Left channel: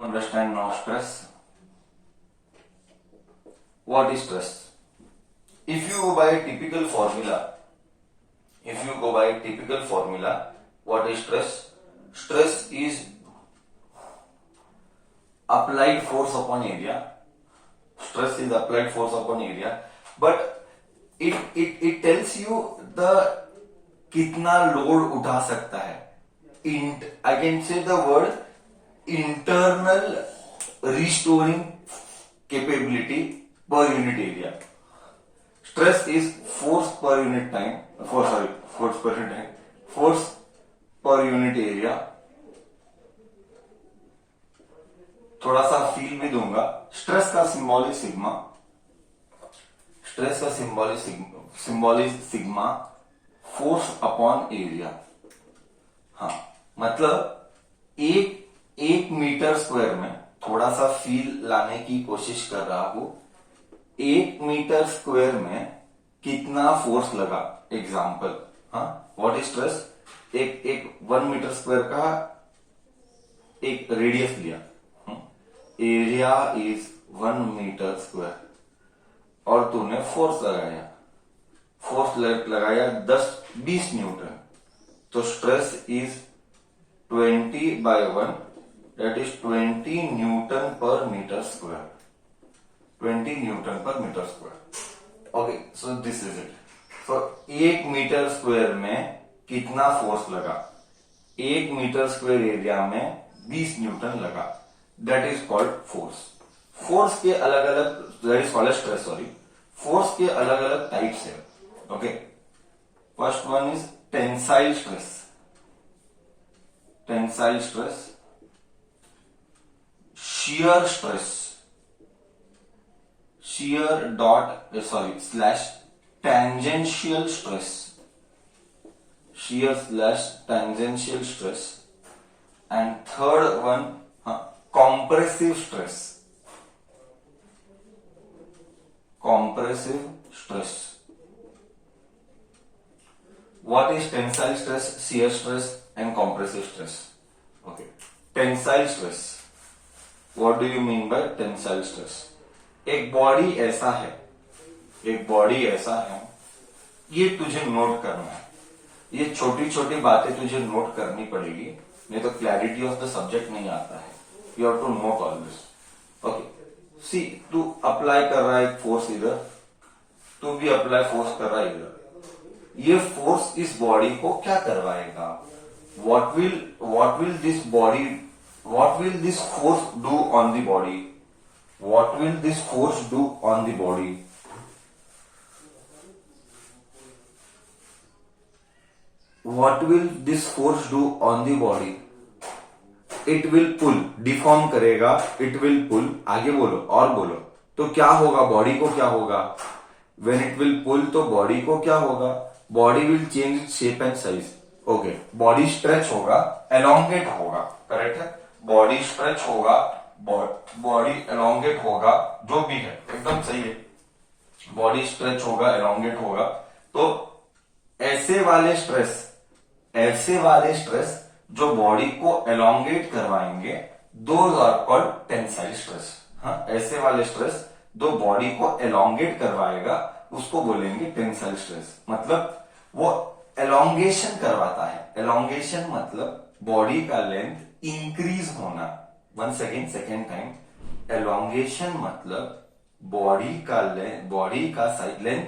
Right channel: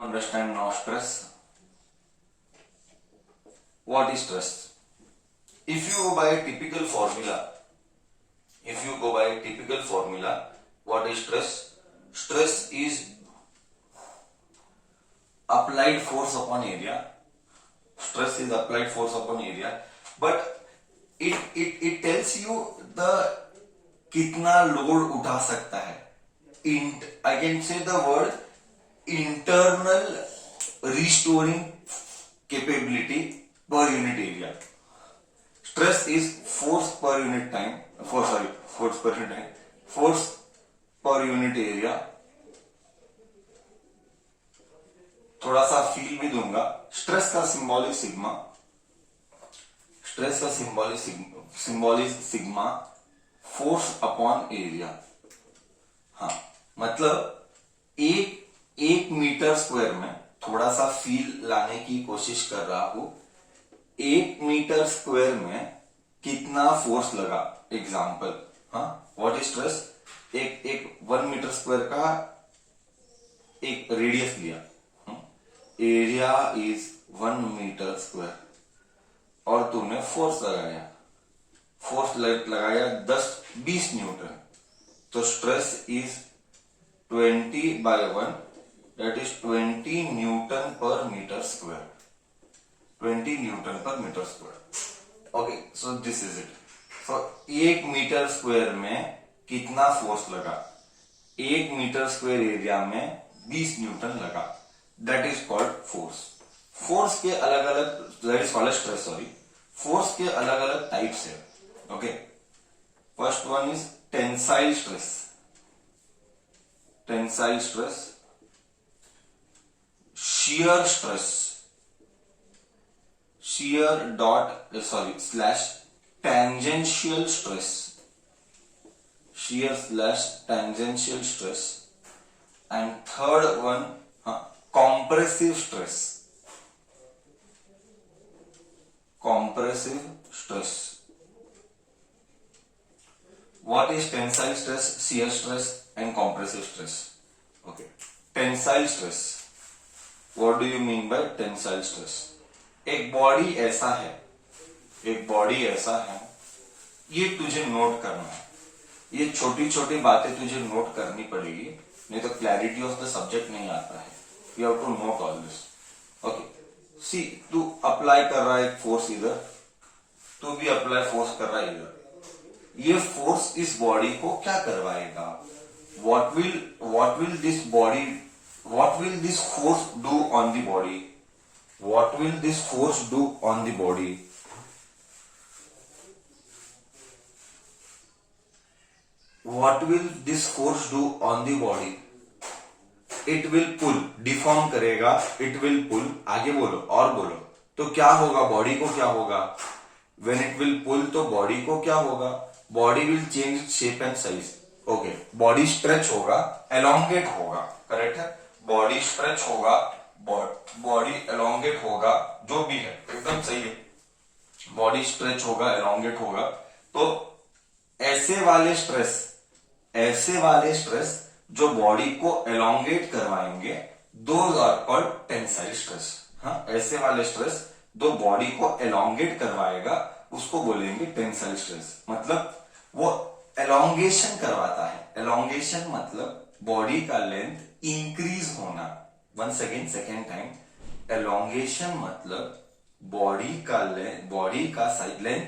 Understand now stress. What is stress? If you go by a typical formula, what is stress? Stress is applied force upon area. Stress is applied force upon area, but it tells you the कितना load उठा सकता है. I can say the word internal restoring capability per unit area. Stress is force per unit time. Force per unit area. थोड़ा सा feel भी दूंगा. Stress का symbol is sigma. Stress का symbol is sigma force upon area. हाँ, मतलब एक metre square में थोड़ा सा फील लाने की कोशिश कर रहा हूं. 1 मीटर स्क्वायर में कितना फोर्स लगा. एग्जाम्पल. हाँ, व्हाट इज स्ट्रेस. एक 1 मीटर स्क्वायर का एक रेडियस लिया. एरिया इज 1 मीटर स्क्वायर और तूने फोर्स लगाया. फोर्स लगाया 10-20 न्यूटन. तो stress is 20/1, that is 20 newton per metre square. 20 newton per metre square. Okay, so this is it. So 1 metre square में कितना फोर्स लगा. 1 मीटर स्क्वायर एरिया में 20 Newton लगा. That is called force. Force के अलग अलग, that is called stress. Sorry, force के अलग अलग टाइप्स है. Okay, first one is tensile stress. Tensile stress, shear stress, tangential stress, shear/tangential stress, and third one compressive stress. Compressive stress. What is tensile stress, shear stress, and compressive stress? Okay, tensile stress. What do you mean by tensile stress? एक body ऐसा है, ये तुझे note करना है. ये छोटी छोटी बातें तुझे नोट करनी पड़ेगी, नहीं तो क्लैरिटी ऑफ द सब्जेक्ट नहीं आता है. You have to note all this. Okay, see, तू अप्लाई कर रहा है एक फोर्स इधर, तू भी अप्लाई फोर्स कर रहा है इधर. ये फोर्स इस बॉडी को क्या करवाएगा. What will this force do on the body? What will this force do on the body? What will this force do on the body? It will pull. Deform करेगा. It will pull. आगे बोलो और बोलो. तो क्या होगा, body को क्या होगा. When it will pull, तो बॉडी को क्या होगा. Body will change its shape and size. Okay, body stretch होगा, एलोंगेट होगा. करेक्ट है. बॉडी स्ट्रेच होगा, बॉडी एलोंगेट होगा, जो भी है एकदम सही है. बॉडी स्ट्रेच होगा, एलोंगेट होगा. तो ऐसे वाले स्ट्रेस जो बॉडी को एलोंगेट करवाएंगे, those are called tensile stress. हाँ, ऐसे वाले स्ट्रेस जो बॉडी को एलोंगेट करवाएगा उसको बोलेंगे टेंसाइल स्ट्रेस. मतलब वो एलोंगेशन करवाता है. एलोंगेशन मतलब बॉडी का लेंथ इंक्रीज होना. Once again, second time. Elongation मतलब बॉडी का साइड लेंथ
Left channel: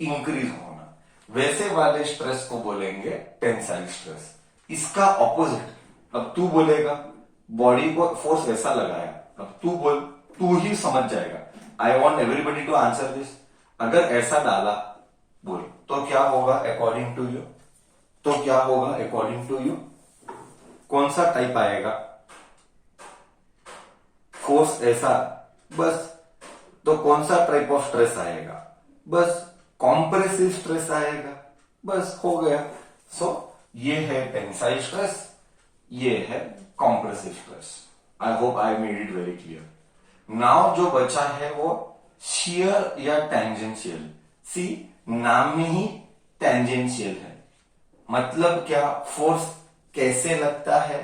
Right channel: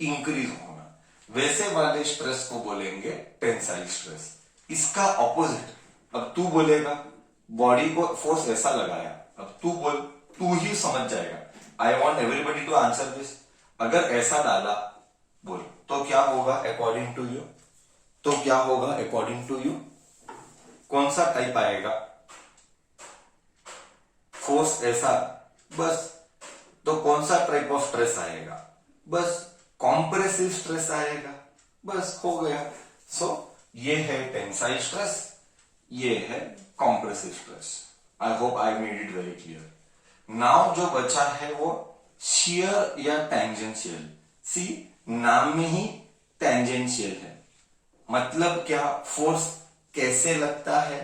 इंक्रीज होना. वैसे वाले स्ट्रेस को बोलेंगे टेंसाइल स्ट्रेस. इसका ऑपोजिट, अब तू बोलेगा बॉडी को फोर्स ऐसा लगाया, अब तू बोल, तू ही समझ जाएगा. I want everybody to answer this. अगर ऐसा डाला बोल तो क्या होगा अकॉर्डिंग टू यू. कौन सा टाइप आएगा. फोर्स ऐसा, बस. तो कौन सा टाइप ऑफ स्ट्रेस आएगा. बस कॉम्प्रेसिव स्ट्रेस आएगा. बस हो गया. सो ये है टेंसाइल स्ट्रेस, ये है compressive stress. I hope I made it very clear. Now जो बचा है वो शियर या टैंजेंशियल. सी, नाम में ही टैंजेंशियल है. मतलब क्या, फोर्स कैसे लगता है,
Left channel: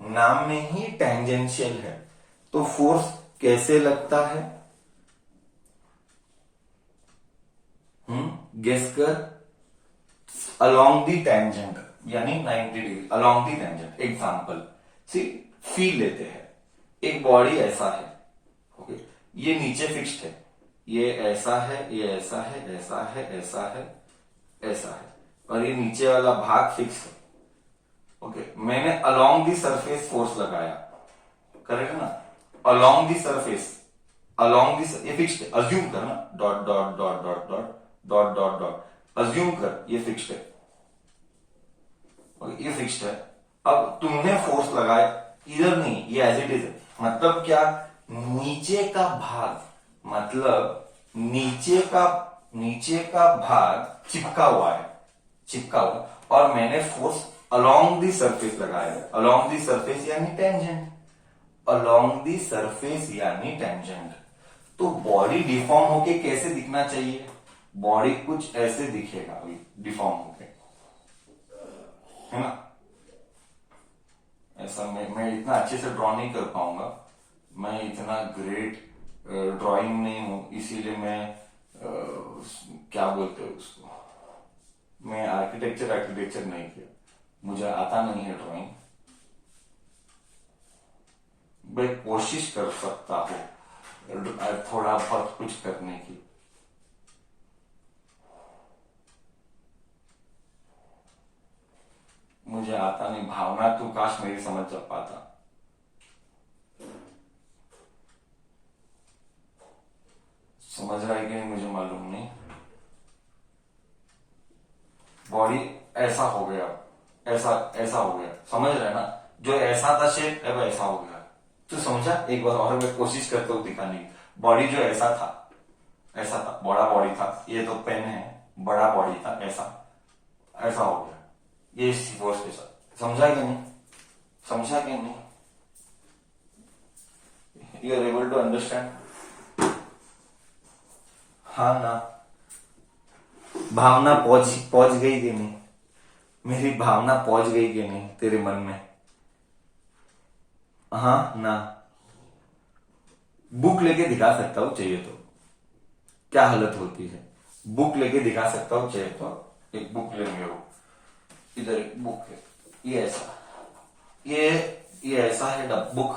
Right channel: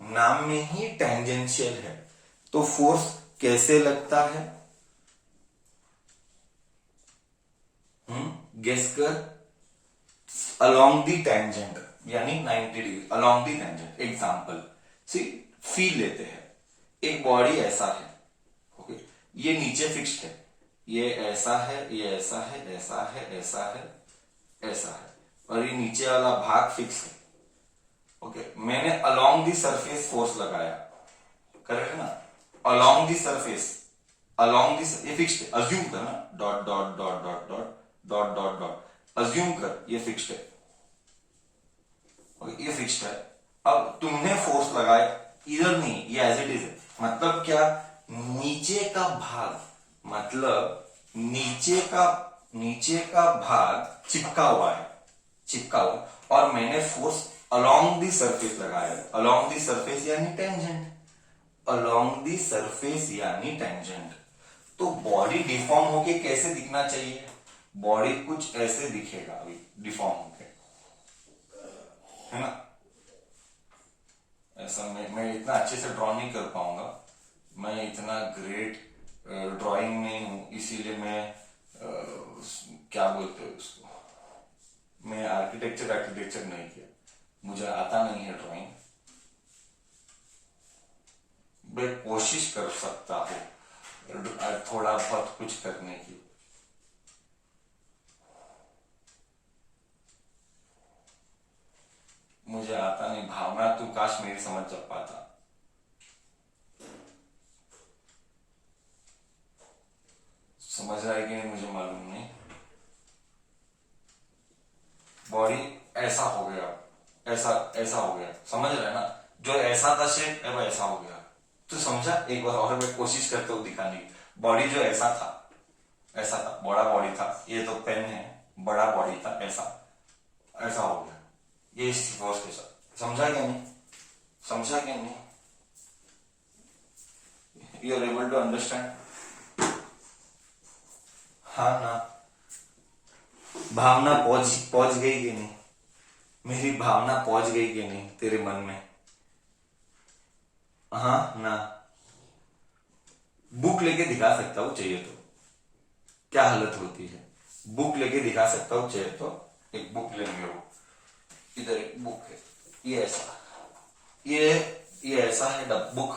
नाम में ही टैंजेंशियल है. तो फोर्स कैसे लगता है? गेस कर। अलोंग दी टेंजेंट, यानी 90 degree along the tangent. Example see, feel लेते हैं। एक बॉडी ऐसा है, ओके, ये नीचे फिक्स्ड है, ये ऐसा है, ये ऐसा है, ऐसा है, ऐसा है, ऐसा है, और ये नीचे वाला भाग फिक्स है। ओके, मैंने अलोंग दी सरफेस फोर्स लगाया, करेक्ट ना? Along the surface, along this, ये फिक्स्ड है, अज्यूम करना, dot dot dot dot dot dot dot dot, assume कर ये फिक्स्ड है, ये फिक्स्ड है। अब तुमने फोर्स लगाया, इधर नहीं, ये एज इट इज है। मतलब क्या? नीचे का भाग, मतलब नीचे का भाग चिपका हुआ है, चिपका हुआ, और मैंने फोर्स अलोंग दी सरफेस लगाया है। अलोंग दी सरफेस यानी टेंजेंट, अलोंग दी सरफेस यानी टेंजेंट। तो बॉडी डिफॉर्म होके कैसे दिखना चाहिए? बॉडी कुछ ऐसे दिखेगा अभी डिफॉर्म होके, है ना? ऐसा मैं इतना अच्छे से ड्रॉ नहीं कर पाऊंगा, मैं इतना ग्रेट ड्राइंग नहीं हूं, इसीलिए मैं क्या बोलते हैं उसको, मैं आर्किटेक्चर नहीं किया, मुझे आता नहीं है ड्राइंग। मैं कोशिश कर सकता हूँ थोड़ा बहुत कुछ करने की। मुझे आता नहीं, भावना तू काश मेरी समझ पाता। समझ रहा है कि नहीं मुझे मालूम नहीं। बॉडी ऐसा हो गया, ऐसा ऐसा हो गया, समझ रहे ना? जो ऐसा था शेप, अब ऐसा हो गया। तू समझा? एक बार और मैं कोशिश करता हूँ दिखाने की। बॉडी जो ऐसा था, ऐसा था, बड़ा बॉडी था, ये तो पेन है, बड़ा बॉडी था, ऐसा ऐसा हो गया, ये फोर्स के साथ। समझा कि नहीं? समझा कि नहीं? You are able to understand? हाँ ना? भावना पहुंच पहुंच गई कि नहीं? मेरी भावना पहुंच गई कि नहीं तेरे मन में? हाँ ना? बुक लेके दिखा सकता हूं चाहिए तो, क्या हालत होती है? बुक लेके दिखा सकता हूं चाहिए तो। एक बुक लेंगे, वो इधर एक बुक है, ये ऐसा, ये ये ऐसा है बुक,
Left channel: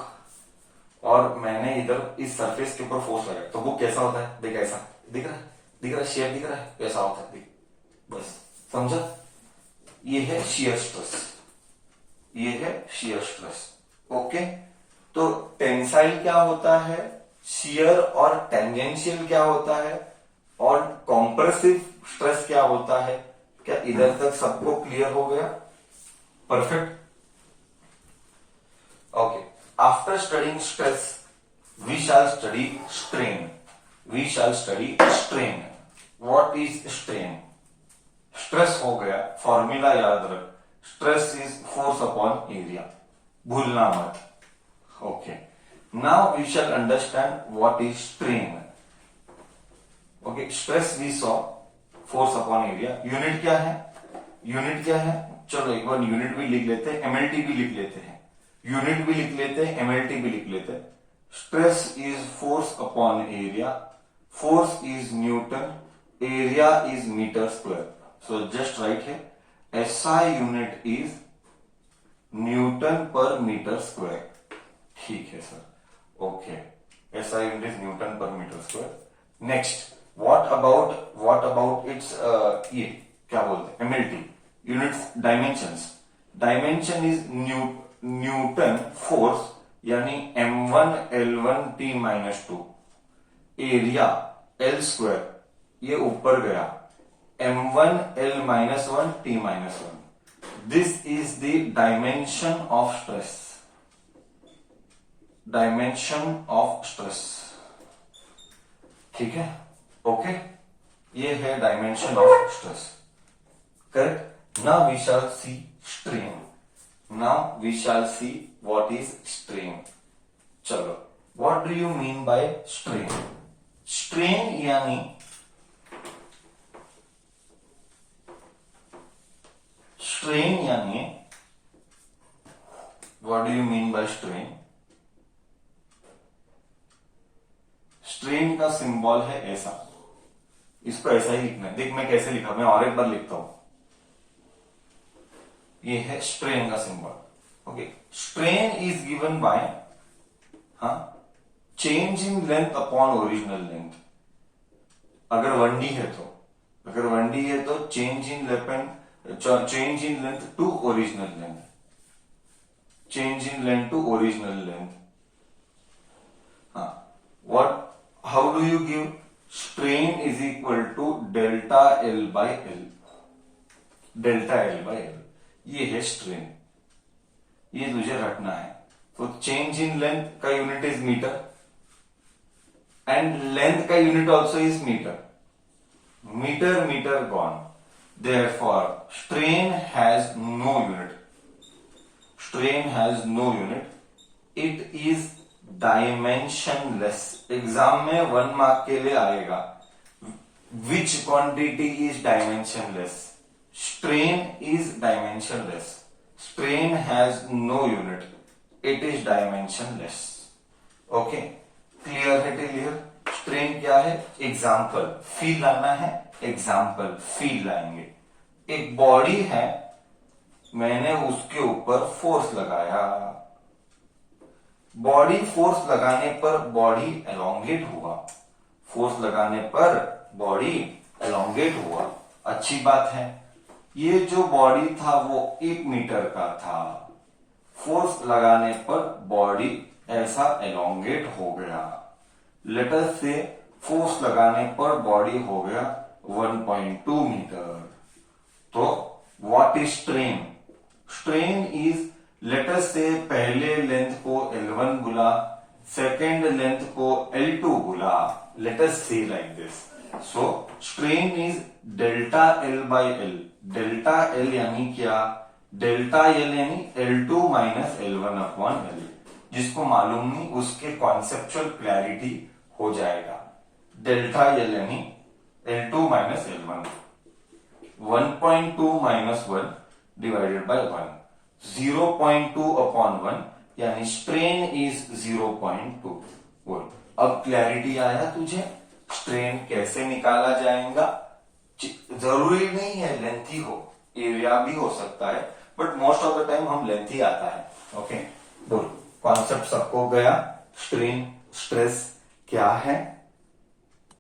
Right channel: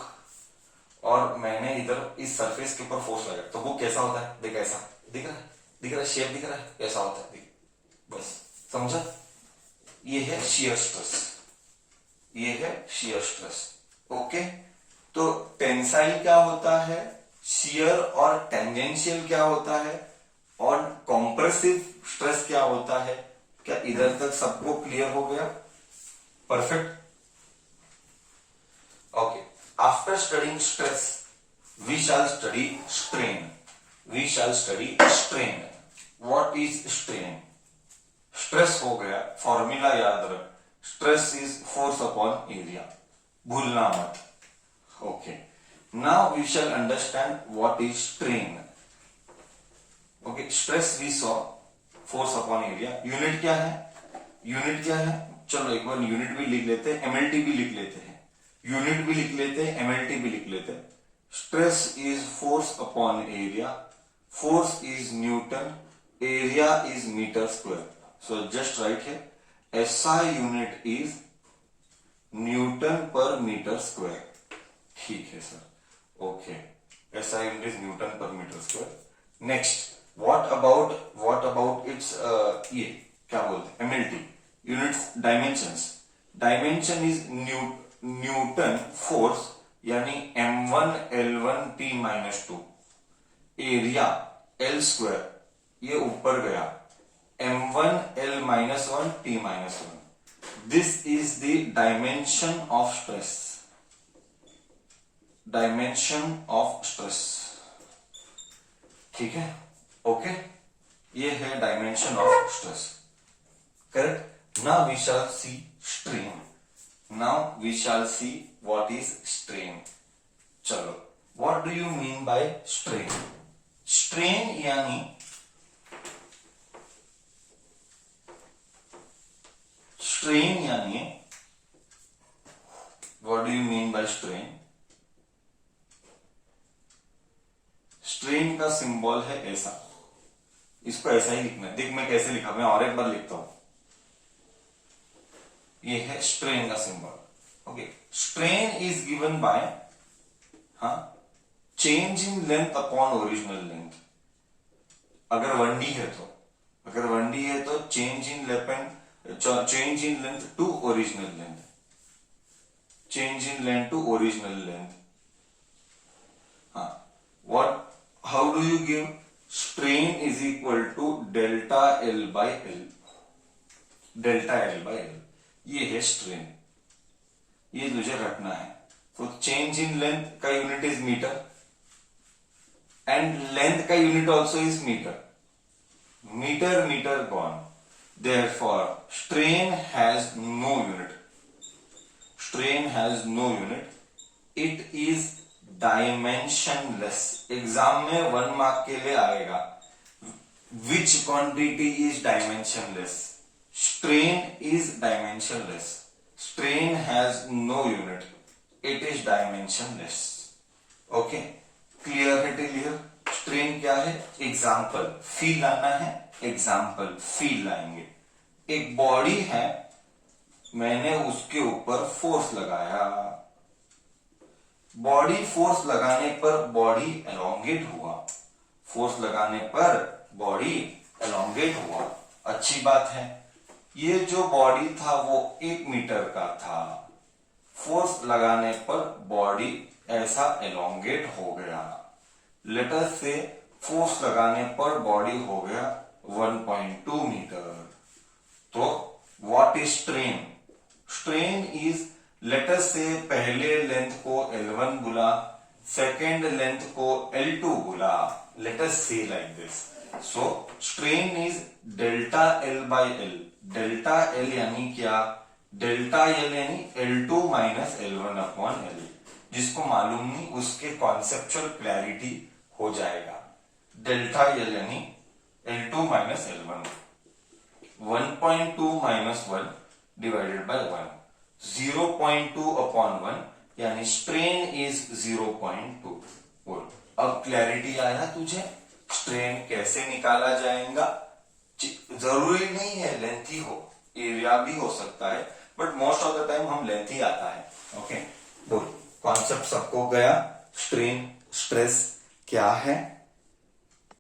और मैंने इधर इस सरफेस के ऊपर फोर्स लगाया, तो बुक कैसा होता है? देख, ऐसा दिख रहा है, दिख रहा है, शेप दिख रहा है, कैसा होता है, देख, बस समझा? ये है शियर स्ट्रेस, ये है शियर स्ट्रेस। ओके, तो टेंसाइल क्या होता है, शियर, और टेंजेंशियल क्या होता है, और कॉम्प्रेसिव स्ट्रेस क्या होता है? क्या इधर तक सबको क्लियर हो गया? Perfect. Okay, after studying stress we shall study strain. We shall study strain. What is strain? Stress हो गया, फॉर्मूला याद रख, stress is force upon area, भूलना मत। Okay, now we shall understand what is strain. Okay, stress we saw, force upon area. Unit क्या है? Unit क्या है? चलो एक बार यूनिट भी लिख लेते हैं, एमएलटी भी लिख लेते हैं, यूनिट भी लिख लेते हैं, एमएलटी भी लिख लेते हैं। Stress is force upon area, force is newton, area is metre square. So just write here, SI unit is newton per metre square. ठीक है sir, okay, SI unit is newton per metre square. Next, what about its, ये क्या बोलते हैं, MLT, units, dimensions. Dimension is newton force, यानी M1 L1 T minus 2, area L square, ये ऊपर गया, M1 L minus 1 T minus 1. This is the dimension of stress. Dimension of stress. ठीक है? ओके, ये है dimension of stress, correct? Now we shall see strain. Now we shall see what is strain. चलो, what do you mean by strain? Strain यानी what do you mean by strain? Strain का symbol है ऐसा, इसको ऐसा ही लिखना है। देख मैं कैसे लिखा, मैं और एक बार लिखता हूं। ये है स्ट्रेन का symbol. Okay, strain is given by change in length upon original length. अगर 1D है तो, अगर 1D है तो change in length to original length, change in length to original length. हाँ, what how do you give? Strain is equal to delta L by L, delta L by L, ये है strain, ये तुझे रखना है। तो चेंज इन लेंथ का unit is metre and length का unit also is metre, metre metre gone, therefore strain has no unit, strain has no unit, it is dimensionless। Exam में 1 मार्क के लिए आएगा, which quantity is dimensionless? Strain is dimensionless, strain has no unit, it is dimensionless। okay, clear है till here? Strain क्या है? Example feel लाना है, example feel लाएंगे। एक बॉडी है, मैंने उसके ऊपर फोर्स लगाया, बॉडी फोर्स लगाने पर बॉडी एलोंगेट हुआ, फोर्स लगाने पर बॉडी एलोंगेट हुआ, अच्छी बात है। ये जो बॉडी था वो 1 मीटर का था, फोर्स लगाने पर बॉडी ऐसा एलोंगेट हो गया। लेट अस से फोर्स लगाने पर बॉडी हो गया 1.2 मीटर। तो what is strain? Strain is, let us से पहले लेंथ को L1 बोला, सेकेंड लेंथ को L2 बोला, लेट अस से like this. So strain is delta L by L। Delta L यानी क्या? डेल्टा L यानी L2 minus L1 upon L। जिसको मालूम नहीं उसके कॉन्सेप्चुअल क्लैरिटी हो जाएगा। डेल्टा L यानी L2 minus L1, 1.2 minus 1 divided by 1, 0.2 upon 1 यानी स्ट्रेन इज 0.2। बोल, अब क्लैरिटी आया तुझे स्ट्रेन कैसे निकाला जाएगा? जरूरी नहीं है लेंथ ही हो, एरिया भी हो सकता है, but most of the time हम लेंथ ही आता है। ओके, बोल, कॉन्सेप्ट सबको गया? स्ट्रेन स्ट्रेस क्या है